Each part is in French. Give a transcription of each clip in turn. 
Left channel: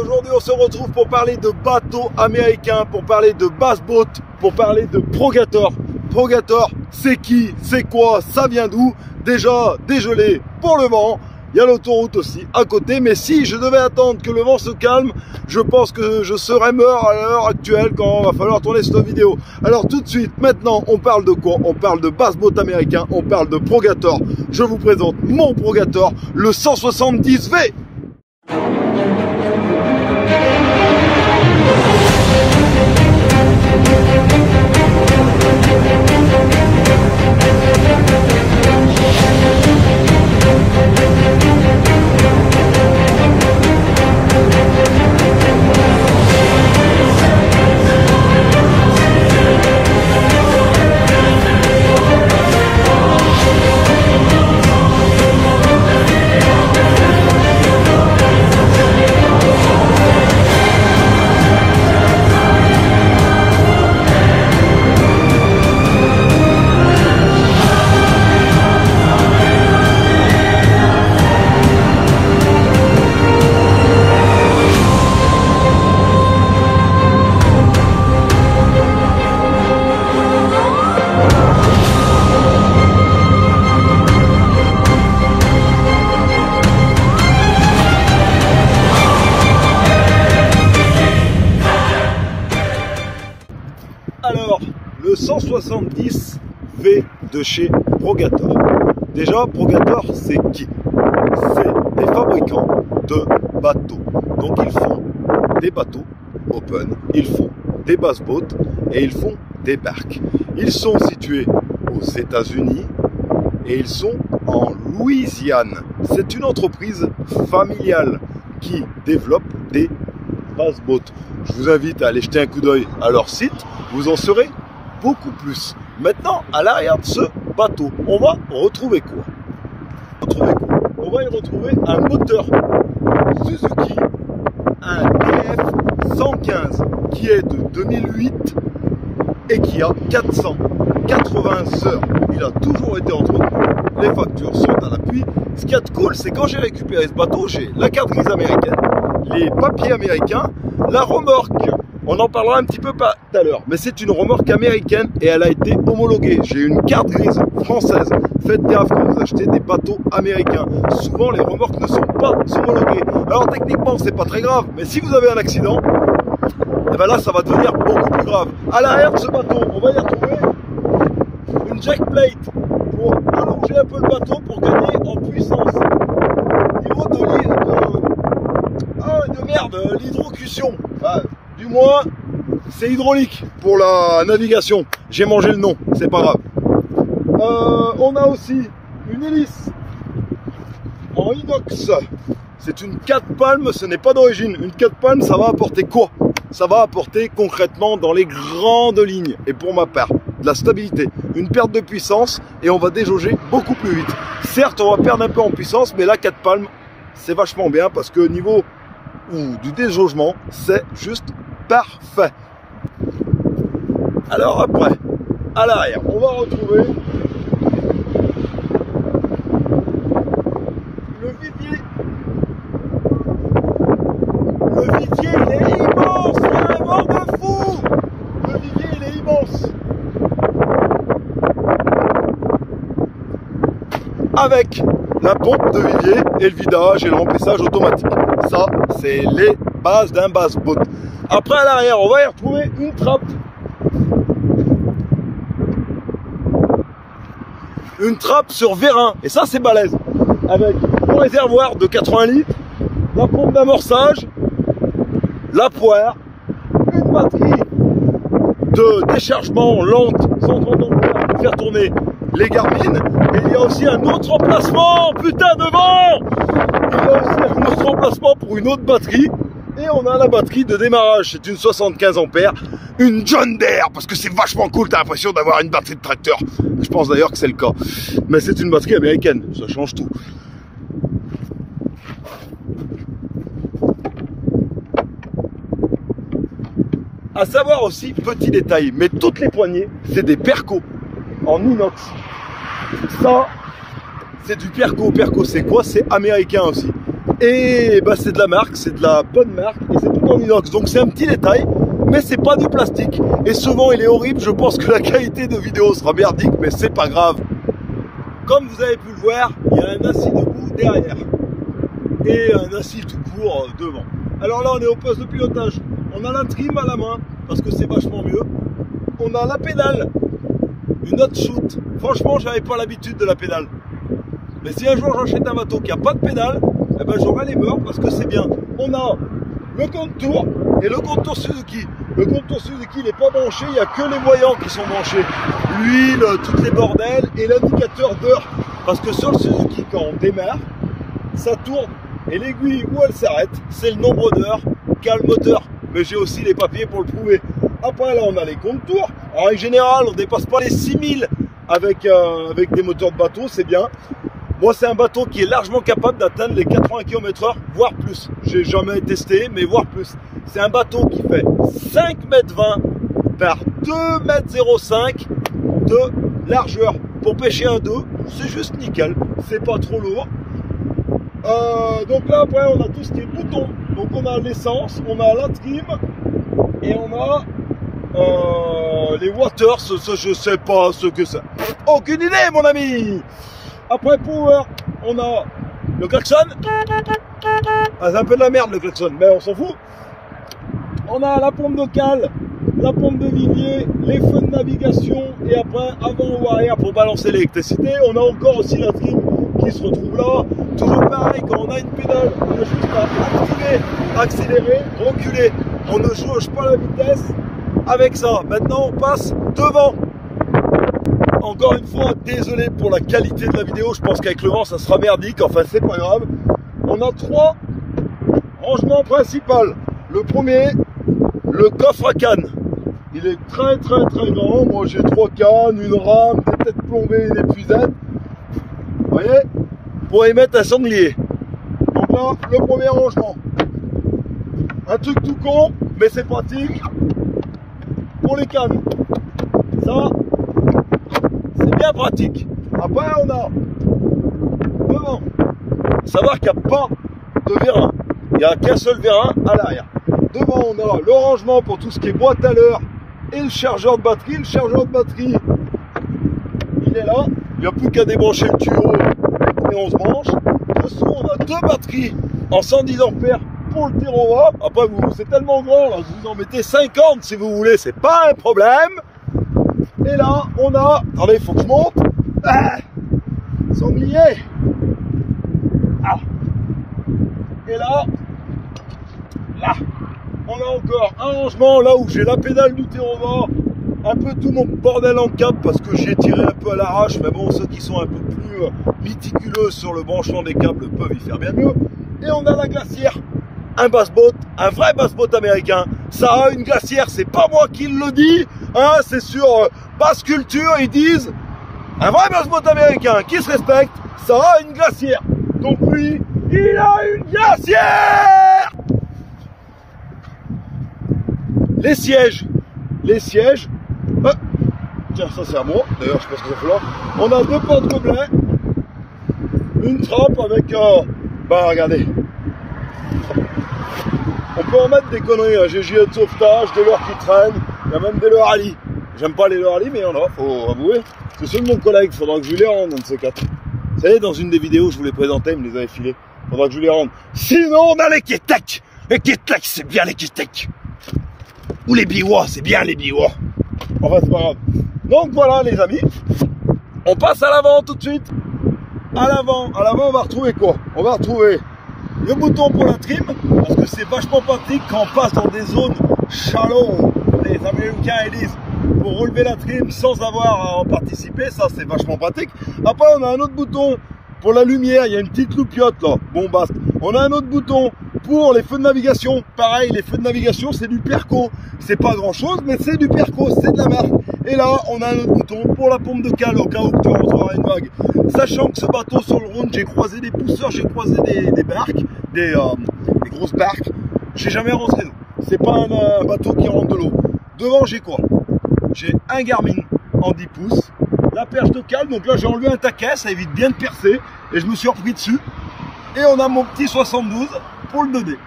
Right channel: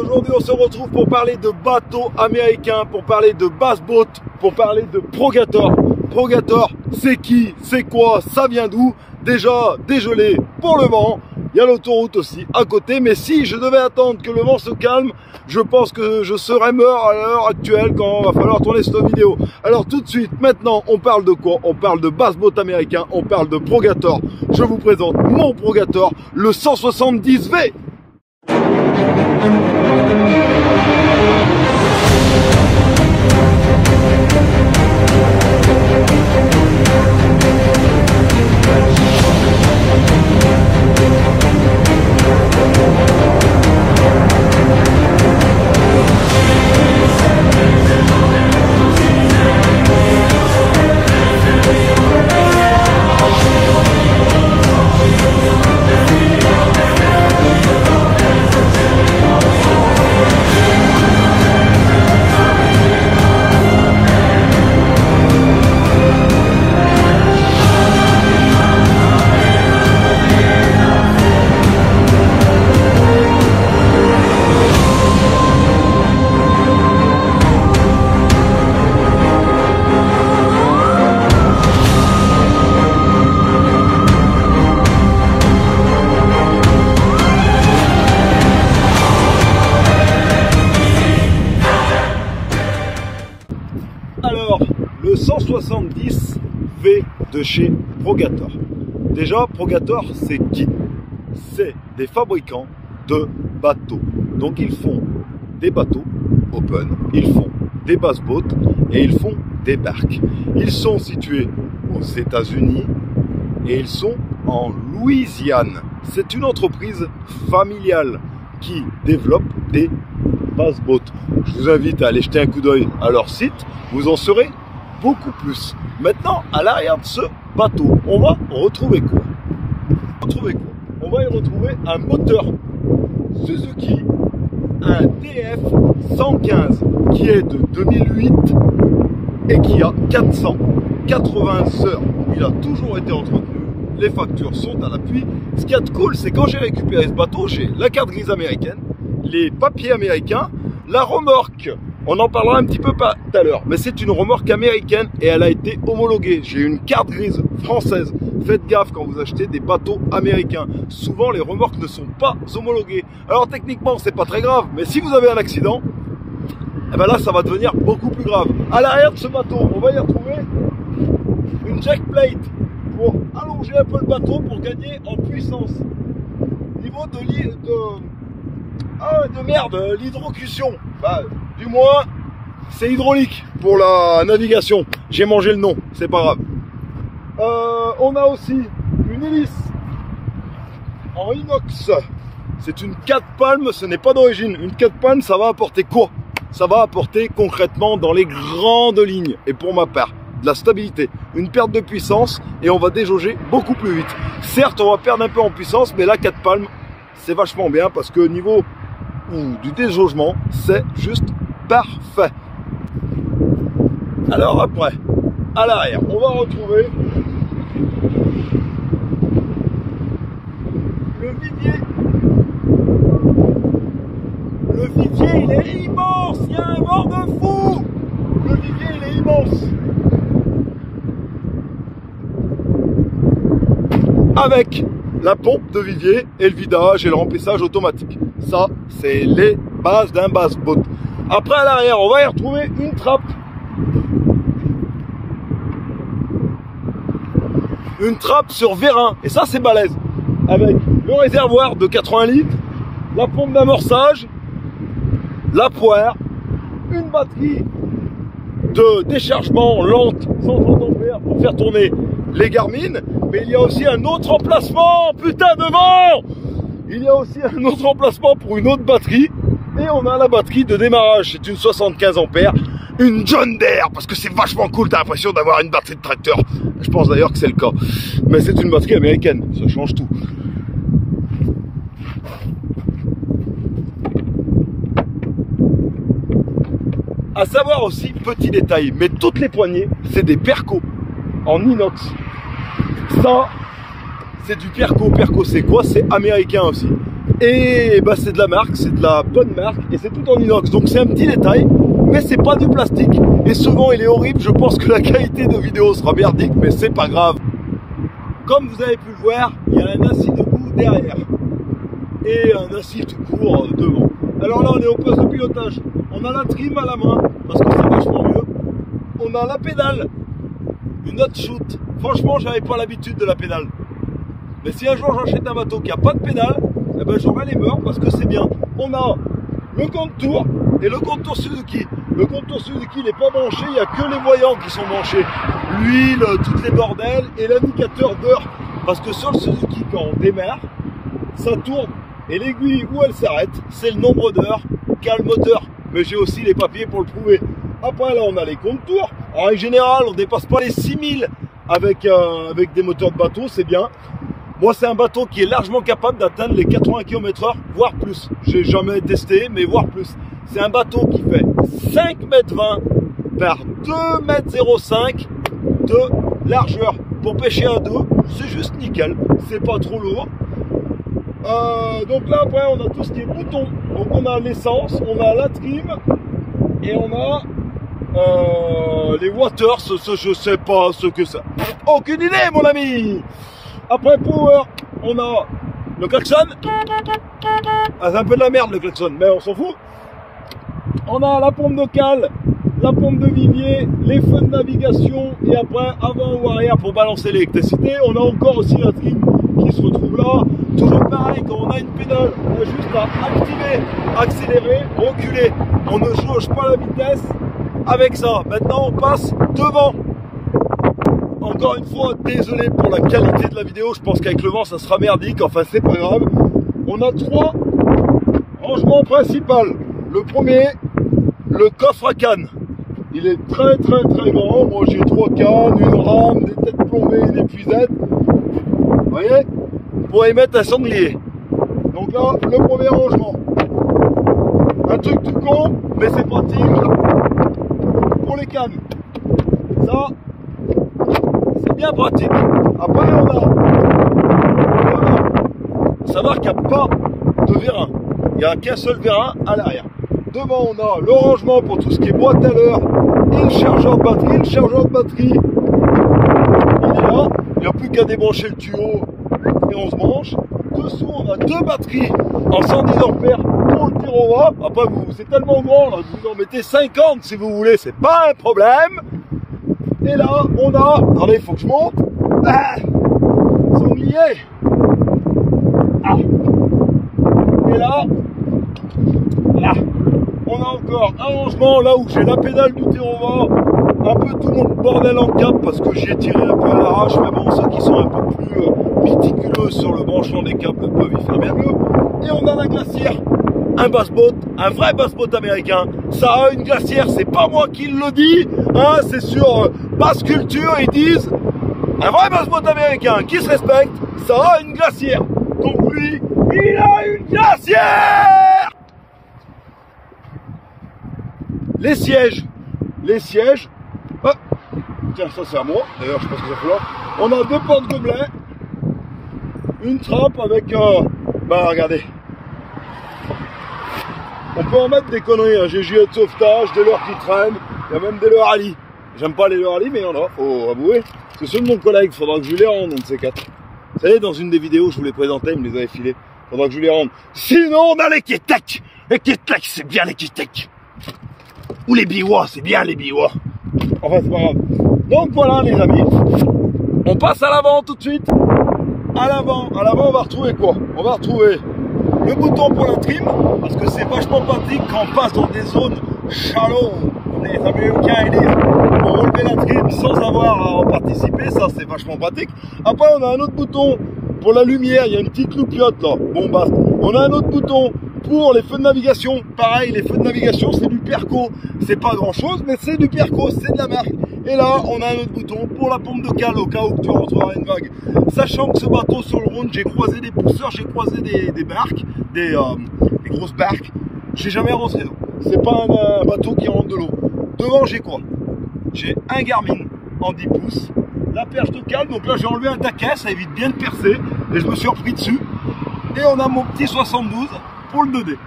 Aujourd'hui on se retrouve pour parler de bateaux américains, pour parler de bass boat, pour parler de Progator. Progator, c'est qui, c'est quoi, ça vient d'où? Déjà dégelé pour le vent, il y a l'autoroute aussi à côté, mais si je devais attendre que le vent se calme, je pense que je serais mort à l'heure actuelle quand il va falloir tourner cette vidéo. Alors tout de suite, maintenant on parle de quoi? On parle de bass boat américain, on parle de Progator. Je vous présente mon Progator, le 170V. Alors, le 170V de chez Progator. Déjà, Progator, c'est qui? C'est des fabricants de bateaux. Donc, ils font des bateaux open, ils font des bass boats et ils font des barques. Ils sont situés aux États-Unis et ils sont en Louisiane. C'est une entreprise familiale qui développe des bass boats. Je vous invite à aller jeter un coup d'œil à leur site. Vous en saurez beaucoup plus. Maintenant, à l'arrière de ce bateau, on va retrouver quoi? On va y retrouver un moteur Suzuki, un DF115 qui est de 2008 et qui a 480 heures. Il a toujours été entretenu. Les factures sont à l'appui. Ce qu'il y a de cool, c'est quand j'ai récupéré ce bateau, j'ai la carte grise américaine, les papiers américains, la remorque. On en parlera un petit peu pas tout à l'heure, mais c'est une remorque américaine et elle a été homologuée. J'ai une carte grise française. Faites gaffe quand vous achetez des bateaux américains. Souvent, les remorques ne sont pas homologuées. Alors techniquement, c'est pas très grave, mais si vous avez un accident, eh ben là, ça va devenir beaucoup plus grave. À l'arrière de ce bateau, on va y retrouver une jack plate pour allonger un peu le bateau pour gagner en puissance. Au niveau de l'hydrocution. Enfin, du moins, c'est hydraulique pour la navigation. J'ai mangé le nom, c'est pas grave. On a aussi une hélice en inox. C'est une 4 palmes, ce n'est pas d'origine. Une 4 palmes, ça va apporter quoi? Ça va apporter concrètement dans les grandes lignes, et pour ma part, de la stabilité, une perte de puissance, et on va déjauger beaucoup plus vite. Certes, on va perdre un peu en puissance, mais la 4 palmes, c'est vachement bien, parce que au niveau du déjaugement, c'est juste parfait. Alors après, à l'arrière, on va retrouver le vivier. Le vivier, il est immense. Il y a un vent de fou. Le vivier, il est immense. Avec la pompe de vivier et le vidage et le remplissage automatique. Ça, c'est les bases d'un bass boat. Après, à l'arrière, on va y retrouver une trappe. Une trappe sur vérin. Et ça, c'est balèze. Avec le réservoir de 80 litres, la pompe d'amorçage, la poire, une batterie de déchargement lente 130 ampères pour faire tourner les Garmin. Mais il y a aussi un autre emplacement, putain de vent! Il y a aussi un autre emplacement pour une autre batterie. Et on a la batterie de démarrage, c'est une 75 ampères, une John Deere, parce que c'est vachement cool, t'as l'impression d'avoir une batterie de tracteur. Je pense d'ailleurs que c'est le cas. Mais c'est une batterie américaine, ça change tout. À savoir aussi, petit détail, mais toutes les poignées, c'est des Perco en inox. Ça, c'est du Perco. Perco, c'est quoi? C'est américain aussi. Et bah, c'est de la marque, c'est de la bonne marque, et c'est tout en inox. Donc c'est un petit détail, mais c'est pas du plastique. Et souvent, il est horrible. Je pense que la qualité de vidéo sera merdique, mais c'est pas grave. Comme vous avez pu le voir, il y a un assis debout derrière et un assis tout court devant. Alors là, on est au poste de pilotage. On a la trim à la main, parce que c'est vachement mieux. On a la pédale, une autre shoot. Franchement, j'avais pas l'habitude de la pédale. Mais si un jour j'achète un bateau qui a pas de pédale, eh ben j'aurai les mœurs parce que c'est bien. On a le contour et le contour Suzuki. Le contour Suzuki n'est pas branché, il n'y a que les voyants qui sont branchés. L'huile, toutes les bordels et l'indicateur d'heure. Parce que sur le Suzuki, quand on démarre, ça tourne. Et l'aiguille où elle s'arrête, c'est le nombre d'heures qu'a le moteur. Mais j'ai aussi les papiers pour le prouver. Après là, on a les contours. En règle générale, on ne dépasse pas les 6000 avec des moteurs de bateau, c'est bien. Moi, c'est un bateau qui est largement capable d'atteindre les 80 km/h, voire plus. J'ai jamais testé, mais voire plus. C'est un bateau qui fait 5,20 m par 2,05 m de largeur. Pour pêcher à deux, c'est juste nickel. C'est pas trop lourd. Donc là, après, on a tout ce qui est bouton. Donc on a l'essence, on a la trim et on a les waters. Je sais pas ce que c'est. Aucune idée, mon ami. Après power, on a le klaxon. Ah, c'est un peu de la merde le klaxon, mais on s'en fout. On a la pompe de cale, la pompe de vivier, les feux de navigation et après avant ou arrière pour balancer l'électricité. On a encore aussi la trim qui se retrouve là. Toujours pareil, quand on a une pédale, on a juste à activer, accélérer, reculer. On ne jauge pas la vitesse avec ça. Maintenant, on passe devant. Encore une fois, désolé pour la qualité de la vidéo. Je pense qu'avec le vent, ça sera merdique. Enfin, c'est pas grave. On a trois rangements principaux. Le premier, le coffre à canne. Il est très grand. Moi, j'ai 3 cannes, une rame, des têtes plombées et des puisettes. Vous voyez? Pour y mettre un sanglier. Donc là, le premier rangement. Un truc tout con, mais c'est pratique pour les cannes. Ça, c'est bien pratique. Après, on a devant. Savoir qu'il n'y a pas de vérin. Il n'y a qu'un seul vérin à l'arrière. Devant, on a le rangement pour tout ce qui est boîte à l'heure et le chargeur de batterie. Le chargeur de batterie, il est là. Il n'y a plus qu'à débrancher le tuyau et on se branche. Dessous, on a 2 batteries en 110 ampères pour le Terrova. Après, c'est tellement grand, là, vous en mettez 50 si vous voulez, c'est pas un problème. Et là, on a... Attendez, il faut que je monte. Ah, sanglier. Ah. Et là, on a encore un rangement là où j'ai la pédale du Terrova, un peu tout mon bordel en cap parce que j'y ai tiré un peu à l'arrache, mais bon, ceux qui sont un peu plus méticuleux sur le branchement des câbles peuvent y faire bien mieux. Et on a la glacière, un basse-boat, un vrai basse-boat américain. Ça a une glacière, c'est pas moi qui le dis, hein, c'est sur Basse Culture, ils disent un vrai basse-boat américain qui se respecte, ça a une glacière. Donc lui, il a une glacière. Les sièges, tiens, ça c'est à moi, d'ailleurs je sais pas ce que ça fait là. On a 2 porte-gobelets, une trappe avec, bah regardez, on peut en mettre des conneries, hein. J'ai gilet de sauvetage, des leurres qui traînent, il y a même des leurres à lit. J'aime pas les leurres à lit, mais il y en a, faut avouer. C'est ceux de mon collègue, faudra que je lui les rende, un de ces 4. Vous savez, dans une des vidéos, je vous les présentais, il me les avait filés. Faudra que je lui les rende. Sinon, on a les Ketek. Les Ketek, c'est bien les Ketek. Ou les Biwa, c'est bien les Biwa. Enfin, c'est pas grave. Donc voilà, les amis. On passe à l'avant tout de suite. À l'avant, on va retrouver quoi? On va retrouver le bouton pour la trim. Parce que c'est vachement pratique quand on passe dans des zones shallow. Les Américains, ils disent, pour relever la trim sans avoir à en participer. Ça, c'est vachement pratique. Après, on a un autre bouton pour la lumière. Il y a une petite loupiote là. Bon, basta. On a un autre bouton pour les feux de navigation. Pareil, les feux de navigation, c'est du Perco. C'est pas grand chose, mais c'est du Perco, c'est de la marque. Et là, on a un autre bouton pour la pompe de cale au cas où tu rentreras une vague. Sachant que ce bateau sur le Rhône, j'ai croisé des pousseurs, j'ai croisé des barques, des grosses barques. J'ai jamais rentré d'eau. C'est pas un bateau qui rentre de l'eau. Devant, j'ai quoi? J'ai un Garmin en 10 pouces, la perche de cale. Donc là, j'ai enlevé un taquet, ça évite bien de percer. Et je me suis repris dessus. Et on a mon petit 72 pour le 2D.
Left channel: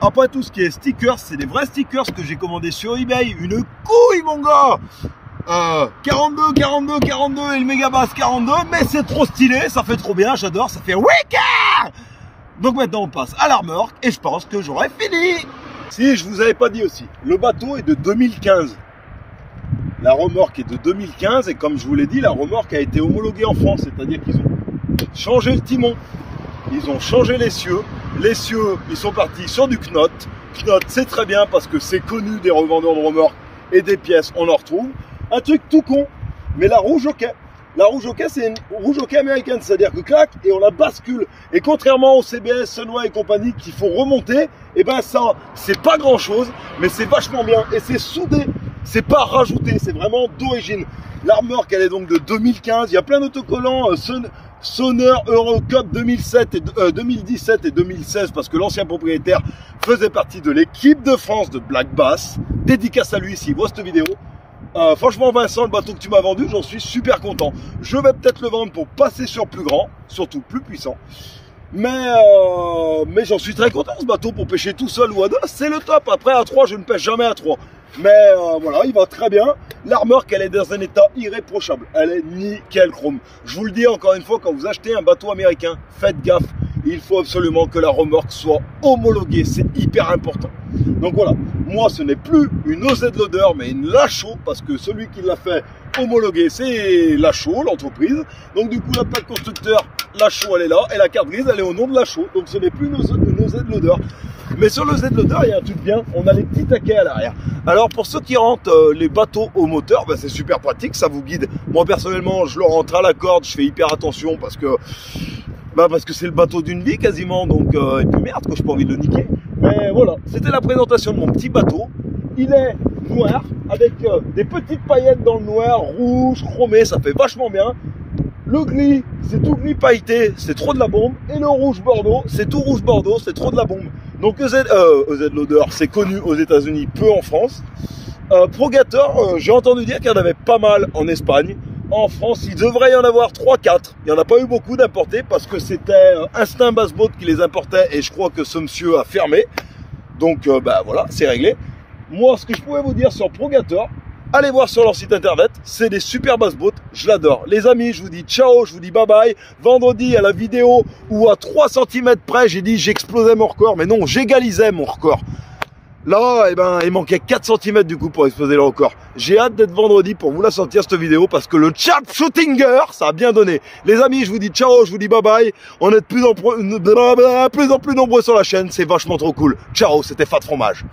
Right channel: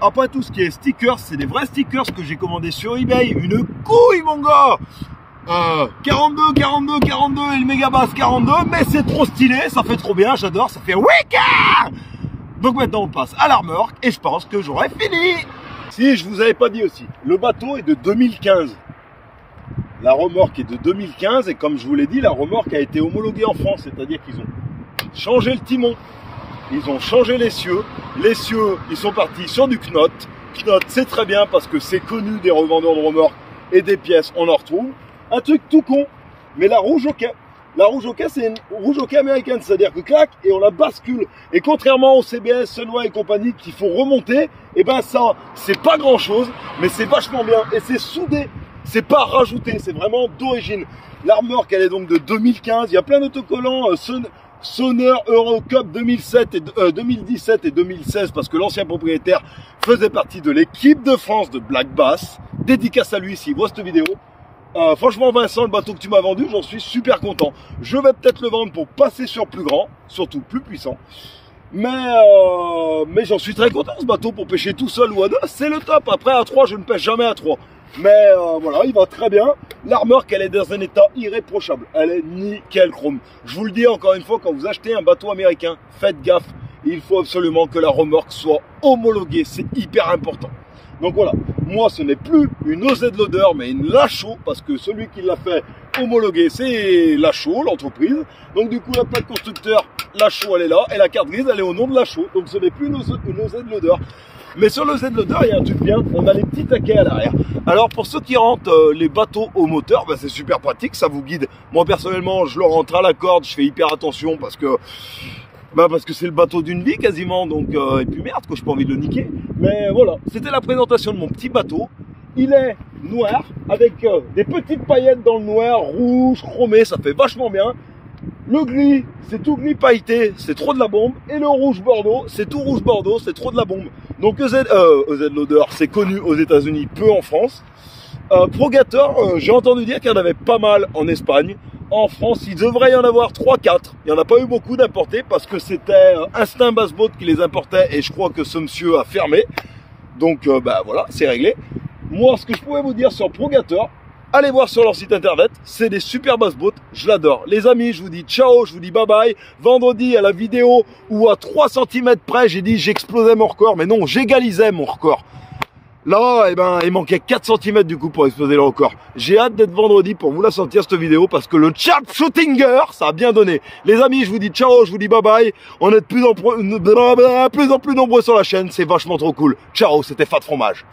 Après tout ce qui est stickers, c'est des vrais stickers que j'ai commandé sur eBay. Une couille, mon gars! 42 et le Megabass 42, mais c'est trop stylé, ça fait trop bien, j'adore, ça fait Wicca. Donc maintenant on passe à la remorque et je pense que j'aurai fini. Si je vous avais pas dit aussi, le bateau est de 2015. La remorque est de 2015 et comme je vous l'ai dit, la remorque a été homologuée en France, c'est-à-dire qu'ils ont changé le timon, ils ont changé l'essieu. L'essieu, ils sont partis sur du Knot. Knot, c'est très bien parce que c'est connu des revendeurs de remorques et des pièces, on en retrouve. Un truc tout con, mais la rouge au quai. La rouge au quai, c'est une rouge au quai américaine, c'est-à-dire que clac, et on la bascule. Et contrairement au CBS, Sunway et compagnie qu'il faut remonter, et ben ça, c'est pas grand-chose, mais c'est vachement bien. Et c'est soudé, c'est pas rajouté, c'est vraiment d'origine. La remorque, elle est donc de 2015. Il y a plein d'autocollants Sonner Eurocup 2017 et 2016 parce que l'ancien propriétaire faisait partie de l'équipe de France de Black Bass. Dédicace à lui s'il voit cette vidéo. Franchement Vincent, le bateau que tu m'as vendu, j'en suis super content. Je vais peut-être le vendre pour passer sur plus grand, surtout plus puissant. Mais j'en suis très content ce bateau pour pêcher tout seul ou à deux, c'est le top. Après à 3, je ne pêche jamais à 3. Mais voilà, il va très bien. La remorque, elle est dans un état irréprochable. Elle est nickel chrome. Je vous le dis encore une fois, quand vous achetez un bateau américain, faites gaffe. Il faut absolument que la remorque soit homologuée. C'est hyper important. Donc voilà, moi ce n'est plus une OZ Loader, mais une Lachaud, parce que celui qui l'a fait homologuer, c'est Lachaud, l'entreprise. Donc du coup, la plaque constructeur Lachaud, elle est là, et la carte grise, elle est au nom de Lachaud. Donc ce n'est plus une OZ Loader. Mais sur le Z-Loader, il y a un truc bien, on a les petits taquets à l'arrière. Alors pour ceux qui rentrent les bateaux au moteur, ben, c'est super pratique, ça vous guide. Moi personnellement, je le rentre à la corde, je fais hyper attention parce que c'est le bateau d'une vie quasiment, donc et puis merde, que j'ai pas envie de le niquer. Mais voilà, c'était la présentation de mon petit bateau. Il est noir, avec des petites paillettes dans le noir, rouge, chromé, ça fait vachement bien. Le gris, c'est tout gris pailleté, c'est trop de la bombe. Et le rouge bordeaux, c'est tout rouge bordeaux, c'est trop de la bombe. Donc EZ Loader, c'est connu aux États-Unis, peu en France. Progator, j'ai entendu dire qu'il y en avait pas mal en Espagne. En France, il devrait y en avoir 3-4. Il n'y en a pas eu beaucoup d'importés parce que c'était Instinct Bass Boat qui les importait et je crois que ce monsieur a fermé. Donc voilà, c'est réglé. Moi, ce que je pouvais vous dire sur Progator, allez voir sur leur site internet, c'est des super bass boats, je l'adore. Les amis, je vous dis ciao, je vous dis bye bye. Vendredi à la vidéo où à 3 cm près, j'ai dit j'explosais mon record, mais non, j'égalisais mon record. Là, eh ben, il manquait 4 cm du coup pour exploser le record. J'ai hâte d'être vendredi pour vous la sortir cette vidéo parce que le sharpshootinger, ça a bien donné. Les amis, je vous dis ciao, je vous dis bye bye. On est de plus en plus nombreux sur la chaîne, c'est vachement trop cool. Ciao, c'était Fat Fromage.